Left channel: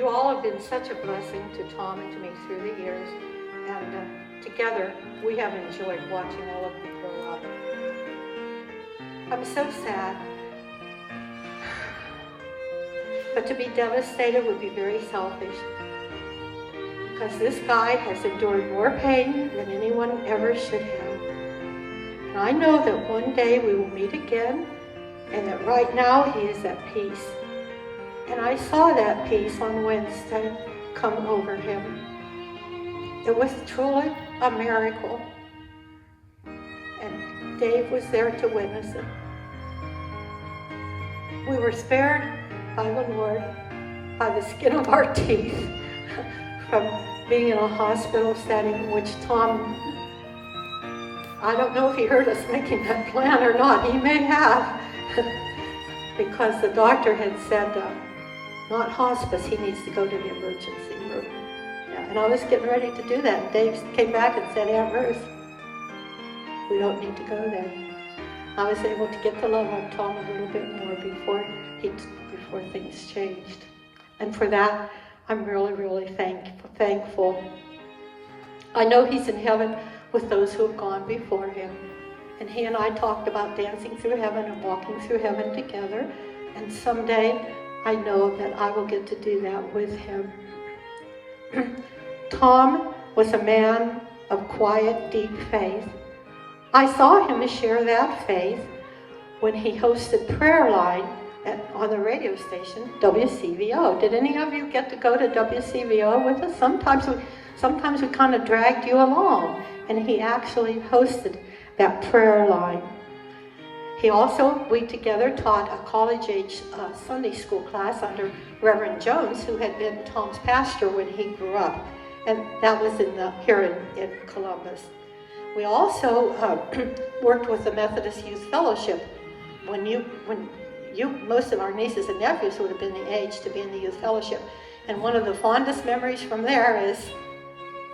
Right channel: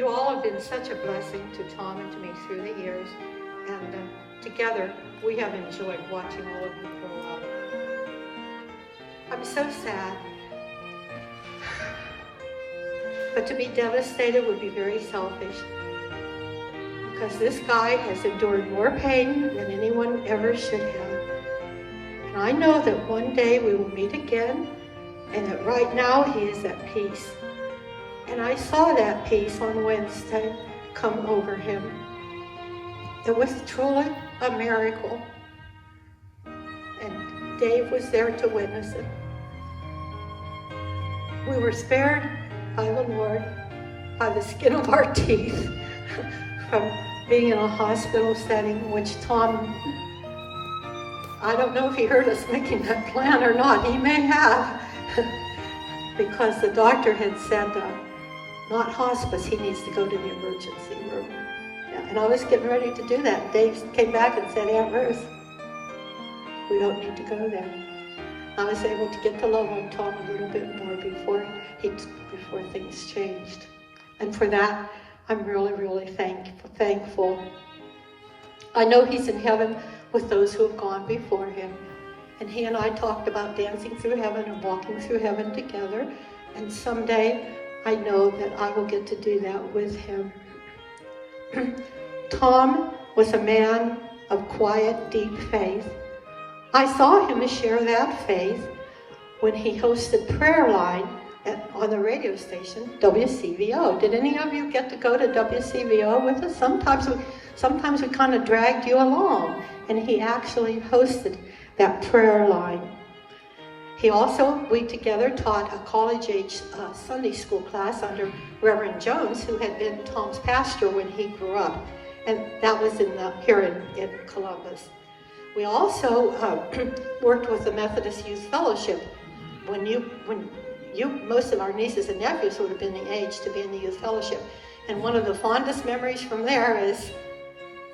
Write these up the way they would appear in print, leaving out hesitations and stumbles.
you all have been such a blessing to Tom and to me through the years, and together we have enjoyed watching all of you grow up. I'm so sad, but to be devastated would be very selfish, because this guy has endured more pain than anyone ever should have. And I know that one day we will meet again, and that right now he is at peace. And I saw that peace on Wednesday come over him. It was truly a miracle. And Dave was there to witness it. We were spared by the Lord, by the skin of our teeth, from being in a hospital setting, which Tom, I don't know if he heard us making that plan or not. He may have, because the doctor had said, not hospice, he needs to go to the emergency room. And I was getting ready to do that. Dave came back and said, Aunt Ruth, we don't need to go there. I was able to get to love on Tom a little bit more before things changed. And for that, I'm really, really thankful. I know he's in heaven with those who have gone before him. And he and I talked about dancing through heaven and walking through heaven together. And someday, I know that I will get to do that with him. Tom was a man of quiet, deep faith. I saw him share that faith when he hosted prayer line on the radio station, WCVO. Did any of you get to go to WCVO with us? Sometimes we kind of dragged you along, and he actually hosted that prayer line. He also, we together taught a college-age Sunday school class under Reverend Jones, who had been Tom's pastor when he grew up, and that was here in Columbus. We also worked with the Methodist Youth Fellowship. Most of our nieces and nephews would have been the age to be in the Youth Fellowship, and one of the fondest memories from there is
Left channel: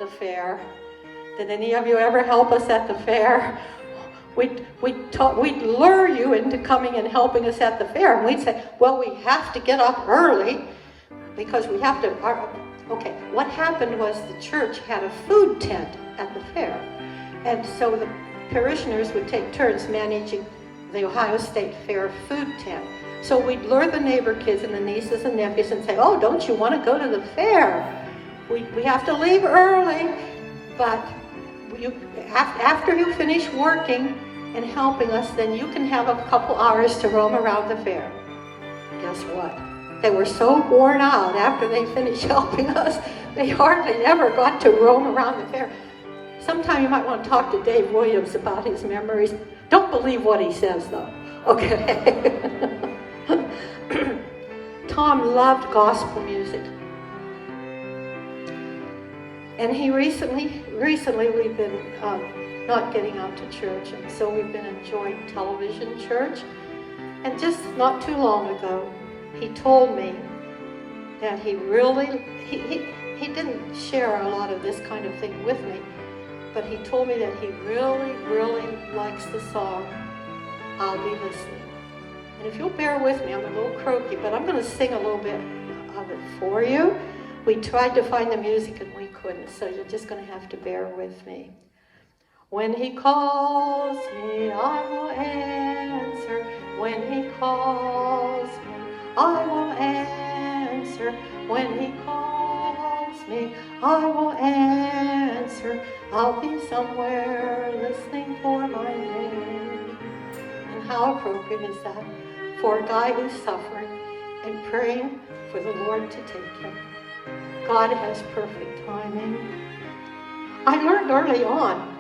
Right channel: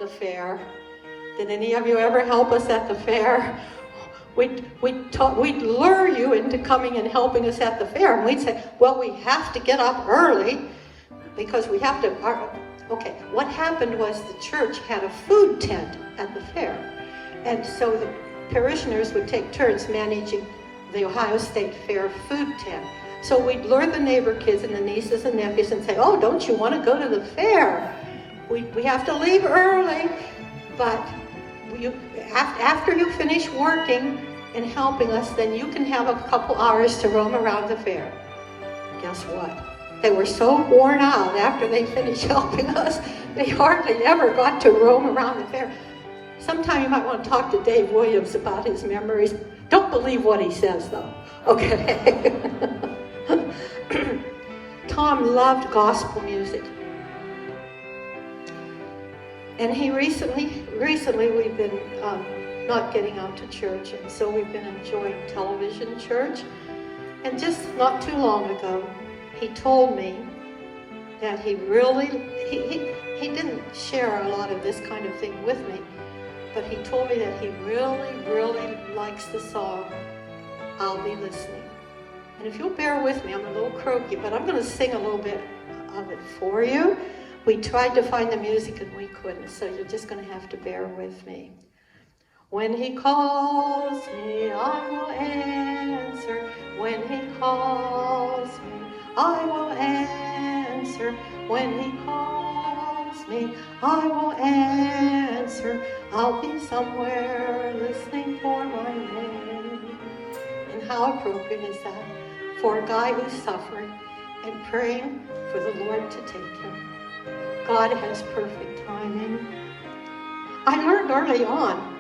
the fair. Did any of you ever help us at the fair? We'd lure you into coming and helping us at the fair. And we'd say, well, we have to get up early because we have to. Okay, what happened was the church had a food tent at the fair. And so the parishioners would take turns managing the Ohio State Fair food tent. So we'd lure the neighbor kids and the nieces and nephews and say, oh, don't you want to go to the fair? We have to leave early, but after you finish working and helping us, then you can have a couple hours to roam around the fair. Guess what? They were so worn out after they finished helping us, they hardly ever got to roam around the fair. Sometime you might want to talk to Dave Williams about his memories. Don't believe what he says, though. Okay. Tom loved gospel music. And he recently we've been not getting out to church, and so we've been enjoying television church. And just not too long ago, he told me that he didn't share a lot of this kind of thing with me, but he told me that he really, really likes the song, I'll Be Listening. And if you'll bear with me, I'm a little croaky, but I'm going to sing a little bit of it for you. We tried to find the music and we couldn't, so you're just going to have to bear with me. When he calls me, I will answer. When he calls me, I will answer. When he calls me, I will answer. I'll be somewhere listening for my name. And how appropriate is that for a guy who's suffering and praying for the Lord to take him. God has perfect timing. I learned early on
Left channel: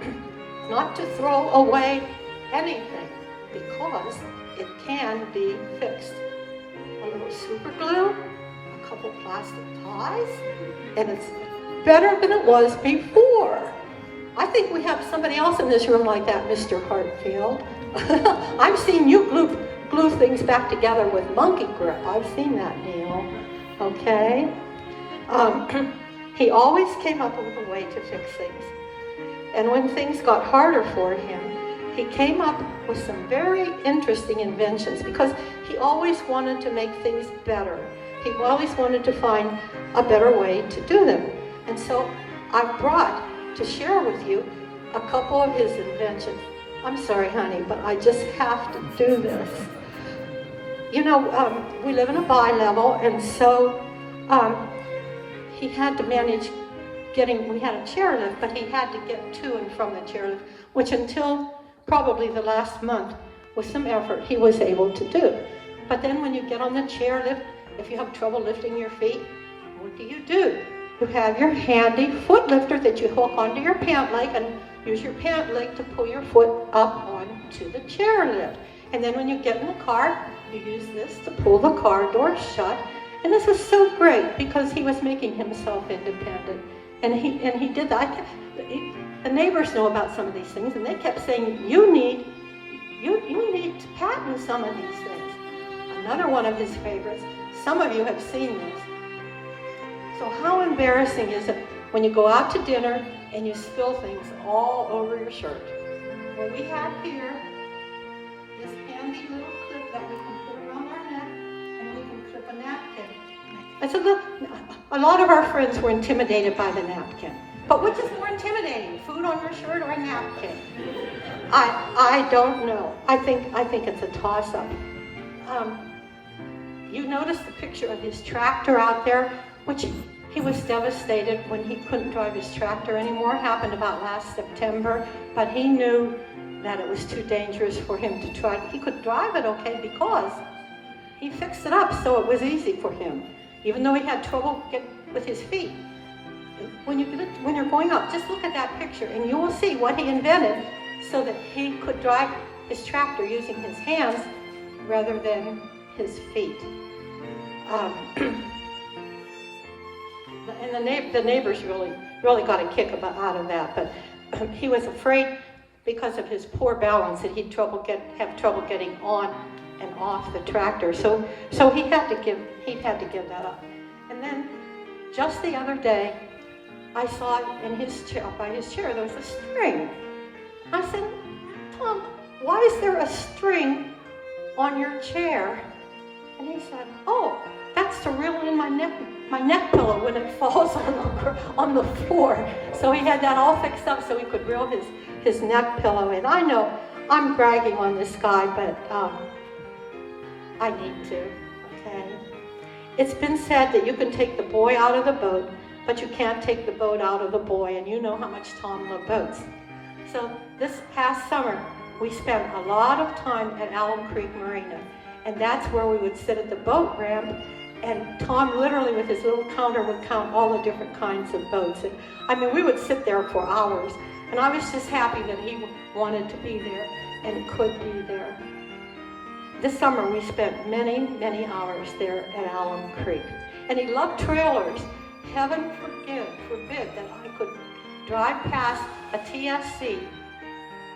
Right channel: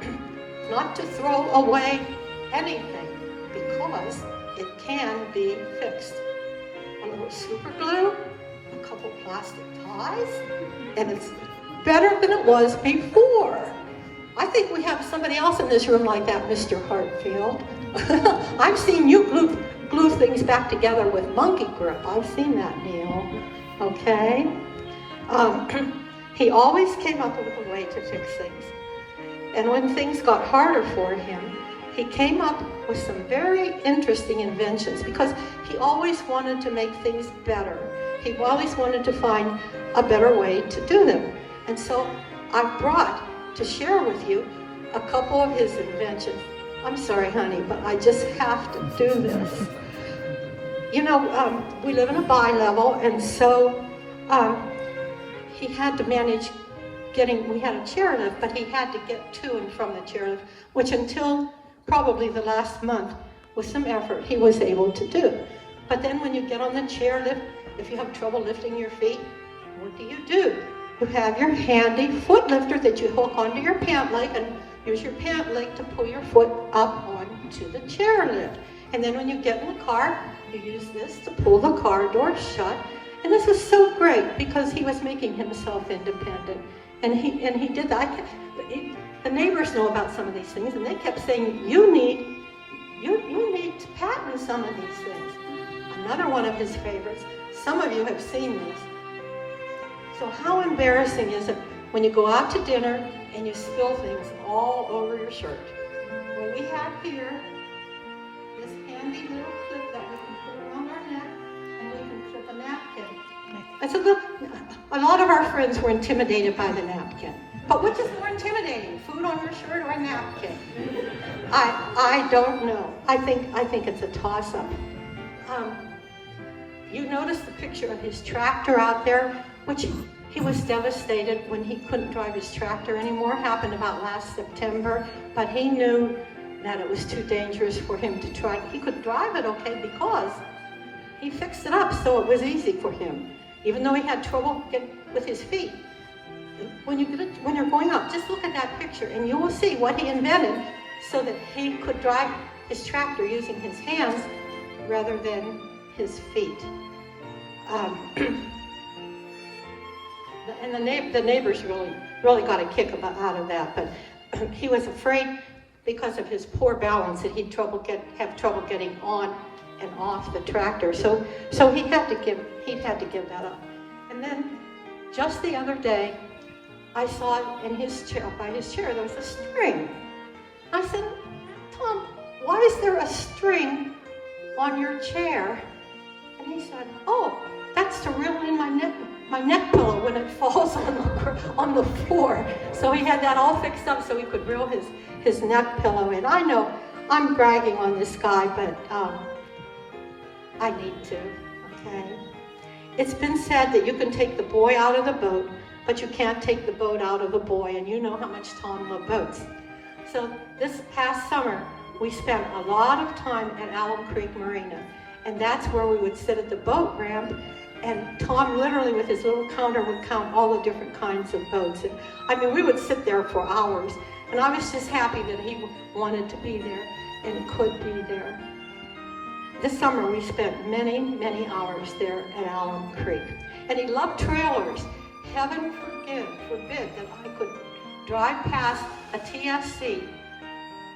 not to throw away anything because it can be fixed. A little super glue, a couple plastic ties, and it's better than it was before. I think we have somebody else in this room like that, Mr. Hartfield. I've seen you glue things back together with monkey grip. I've seen that, Neil. Okay? He always came up with a way to fix things. And when things got harder for him, he came up with some very interesting inventions because he always wanted to make things better. he always wanted to find a better way to do them. And so I've brought to share with you a couple of his inventions. I'm sorry, honey, but I just have to do this. You know, we live in a bi-level, and so he had to manage we had a chairlift, but he had to get to and from the chairlift, which until probably the last month, with some effort, he was able to do. But then when you get on the chairlift, if you have trouble lifting your feet, what do? You have your handy foot lifter that you hook onto your pant leg and use your pant leg to pull your foot up onto the chairlift. And then when you get in the car, you use this to pull the car door shut. And this is so great because he was making himself independent. And he did that. The neighbors know about some of these things, and they kept saying, you need to patent some of these things. Another one of his favorites. Some of you have seen these. So how embarrassing is it when you go out to dinner and you spill things all over your shirt? Well, we have here this handy little clip that we can put around our neck, and we can clip a napkin. And so a lot of our friends were intimidated by the napkin. But which is more intimidating, food on your shirt or a napkin? I don't know. I think it's a toss-up. You notice the picture of his tractor out there, which he was devastated when he couldn't drive his tractor anymore. It happened about last September, but he knew that it was too dangerous for him to try. He could drive it okay because he fixed it up so it was easy for him, even though he had trouble with his feet. When you're going up, just look at that picture and you will see what he invented so that he could drive his tractor using his hands rather than his feet. And the neighbors really got a kick out of that, but he was afraid because of his poor balance that he'd have trouble getting on and off the tractor. So he had to give that up. And then just the other day, I saw by his chair, there was a string. I said, Tom, why is there a string on your chair? And he said, oh, that's to reel in my neck pillow when it falls on the floor. So he had that all fixed up so he could reel his neck pillow in. I know I'm bragging on this guy, but I need to, okay? It's been said that you can take the boy out of the boat, but you can't take the boat out of the boy, and you know how much Tom loved boats. So this past summer, we spent a lot of time at Allen Creek Marina, and that's where we would sit at the boat ramp, and Tom literally with his little counter would count all the different kinds of boats. And, I mean, we would sit there for hours, and I was just happy that he wanted to be there and could be there. This summer, we spent many, many hours there at Allen Creek, and he loved trailers. Heaven forbid that I could drive past a TSC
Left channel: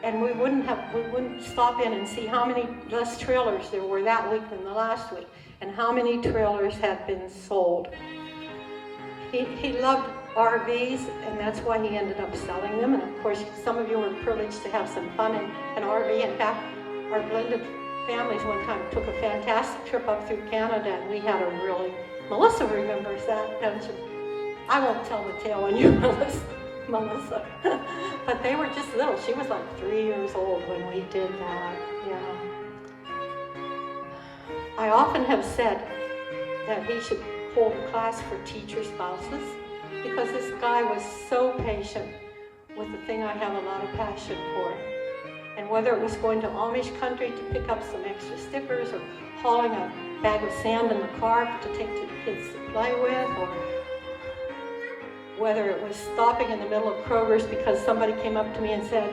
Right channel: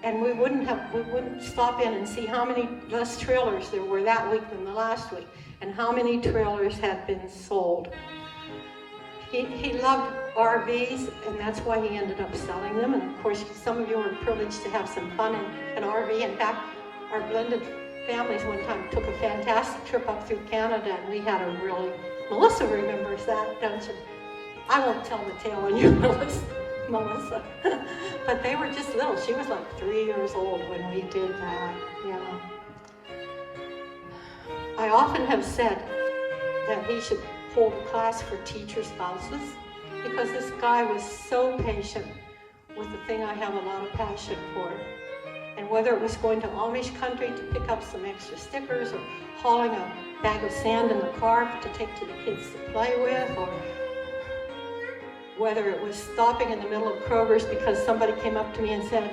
and we wouldn't stop in and see how many less trailers there were that week than the last week and how many trailers had been sold. He loved RVs, and that's why he ended up selling them. And of course, some of you were privileged to have some fun in an RV. In fact, our blended families one time took a fantastic trip up through Canada, and we had a really, Melissa remembers that, don't you? I won't tell the tale on you, Melissa. But they were just little. She was like 3 years old when we did that. Yeah. I often have said that he should hold a class for teacher spouses because this guy was so patient with the thing I have a lot of passion for. And whether it was going to Amish country to pick up some extra stickers or hauling a bag of sand in the car to take to the kids to play with, or whether it was stopping in the middle of Kroger's because somebody came up to me and said,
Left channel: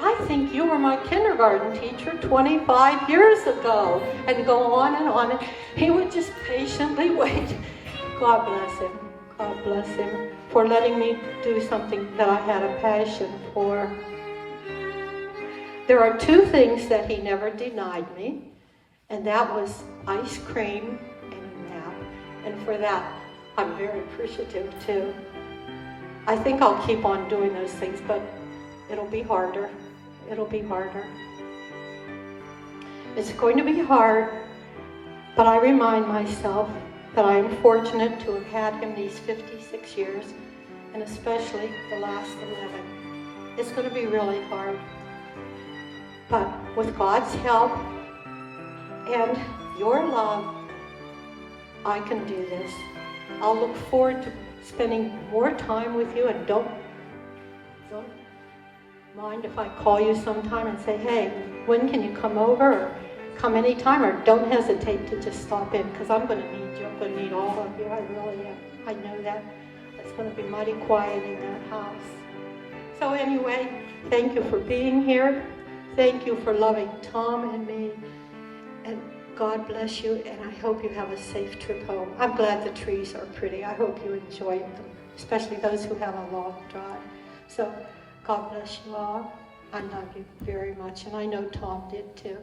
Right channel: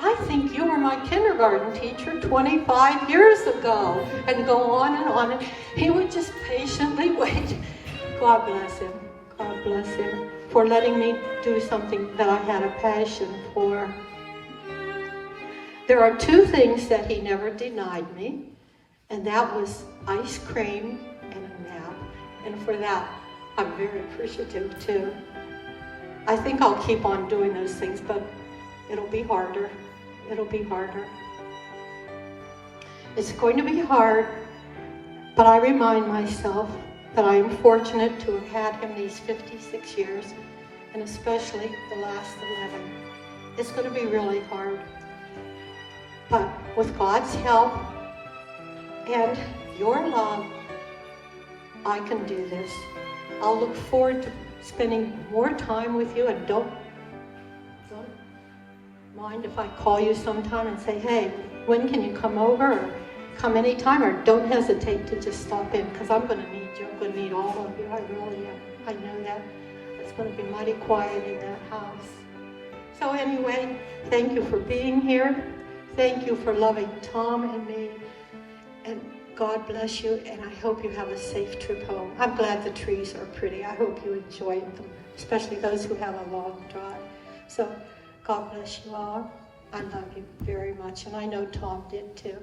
I think you were my kindergarten teacher 25 years ago, and go on and on. And he would just patiently wait. God bless him. God bless him for letting me do something that I had a passion for. There are two things that he never denied me, and that was ice cream and a nap. And for that, I'm very appreciative too. I think I'll keep on doing those things, but it'll be harder. It'll be harder. It's going to be hard, but I remind myself that I am fortunate to have had him these 56 years, and especially the last 11. It's going to be really hard. But with God's help and your love, I can do this. I'll look forward to spending more time with you, and don't mind if I call you sometime and say, hey, when can you come over, or come anytime, or don't hesitate to just stop in, because I'm going to need you. I'm going to need all of you. I really am. I know that. It's going to be mighty quiet in that house. So anyway, thank you for being here. Thank you for loving Tom and me. And God bless you, and I hope you have a safe trip home. I'm glad the trees are pretty. I hope you enjoyed them, especially those who have a long drive. So God bless you all. I love you very much, and I know Tom did too.